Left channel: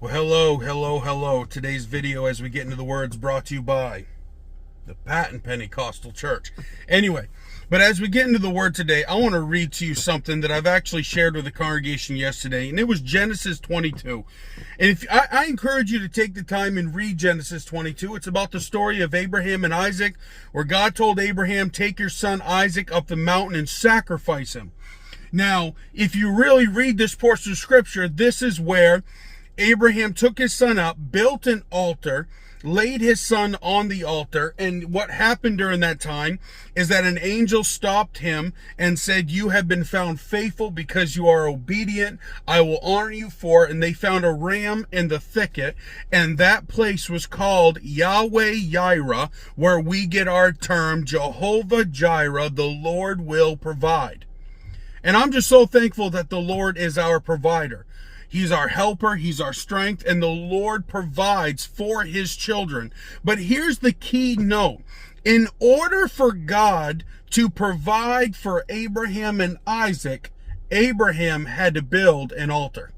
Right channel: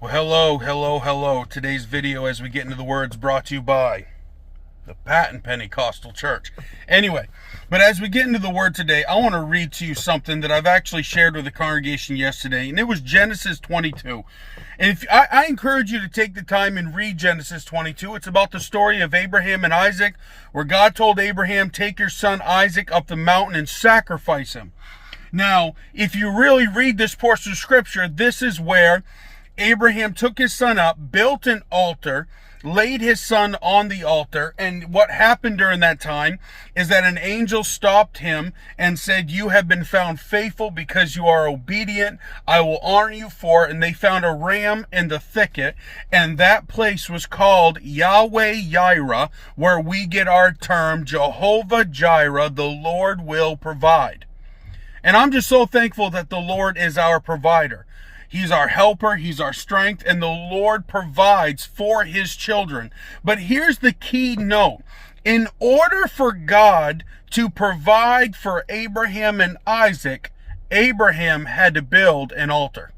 Well, hello. Today's video, as we get into the words, brought to you by the Patton Pentecostal Church. Anyway, but as we get into the word today, I want to read to you something that I've actually shared with the congregation yesterday, and it was Genesis 22. And I encourage you to take the time and read Genesis 22. It's about the story of Abraham and Isaac, where God told Abraham, take your son Isaac up the mountain and sacrifice him. Now, if you really read this portion of scripture, this is where Abraham took his son up, built an altar, laid his son on the altar, and what happened during that time is that an angel stopped him and said, you have been found faithful because you are obedient. I will honor you for it. And they found a ram in the thicket, and that place was called Yahweh Jireh, where we get our term Jehovah Jireh, the Lord will provide. And I'm just so thankful that the Lord is our provider. He's our helper, he's our strength, and the Lord provides for his children. But here's the key note. In order for God to provide for Abraham and Isaac, Abraham had to build an altar.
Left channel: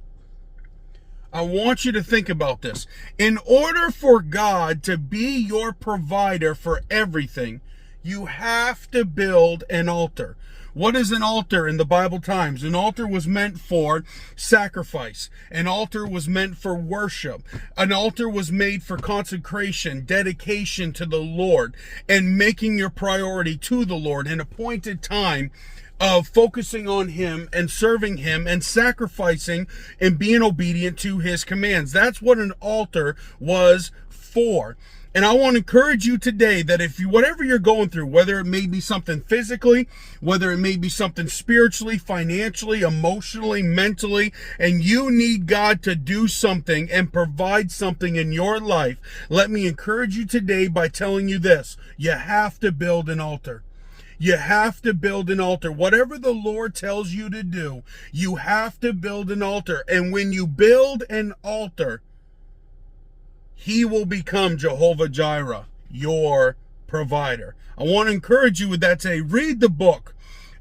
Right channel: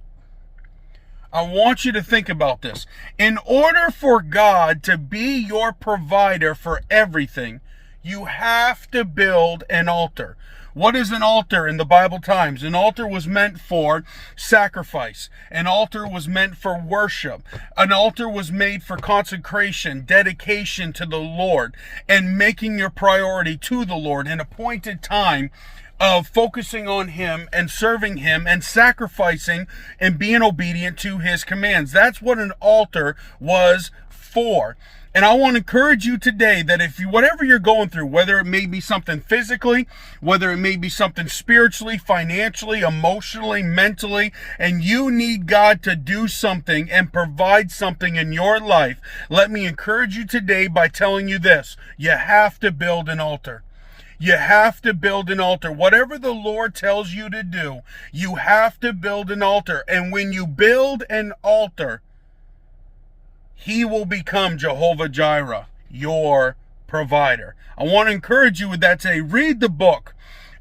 I want you to think about this. In order for God to be your provider for everything, you have to build an altar. What is an altar in the Bible times? An altar was meant for sacrifice. An altar was meant for worship. An altar was made for consecration, dedication to the Lord, and making your priority to the Lord, an appointed time of focusing on him and serving him and sacrificing and being obedient to his commands. That's what an altar was for. And I want to encourage you today that whatever you're going through, whether it may be something physically, whether it may be something spiritually, financially, emotionally, mentally, and you need God to do something and provide something in your life, let me encourage you today by telling you this: you have to build an altar. You have to build an altar. Whatever the Lord tells you to do, you have to build an altar. And when you build an altar, he will become Jehovah Jireh, your provider. I want to encourage you with that today. Read the book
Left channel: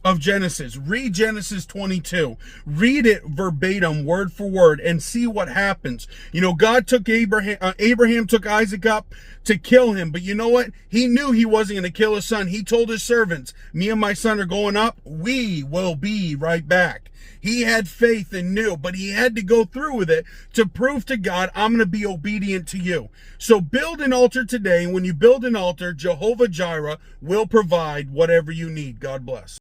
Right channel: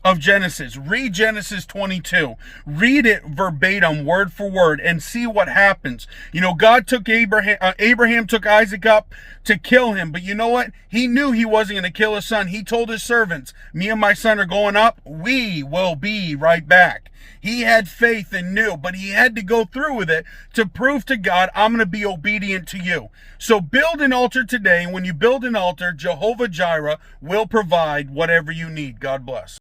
of Genesis. Read Genesis 22. Read it verbatim, word for word, and see what happens. You know, God took Abraham took Isaac up to kill him. But you know what? He knew he wasn't going to kill his son. He told his servants, me and my son are going up. We will be right back. He had faith and knew, but he had to go through with it to prove to God, I'm going to be obedient to you. So build an altar today. When you build an altar, Jehovah Jireh will provide whatever you need. God bless.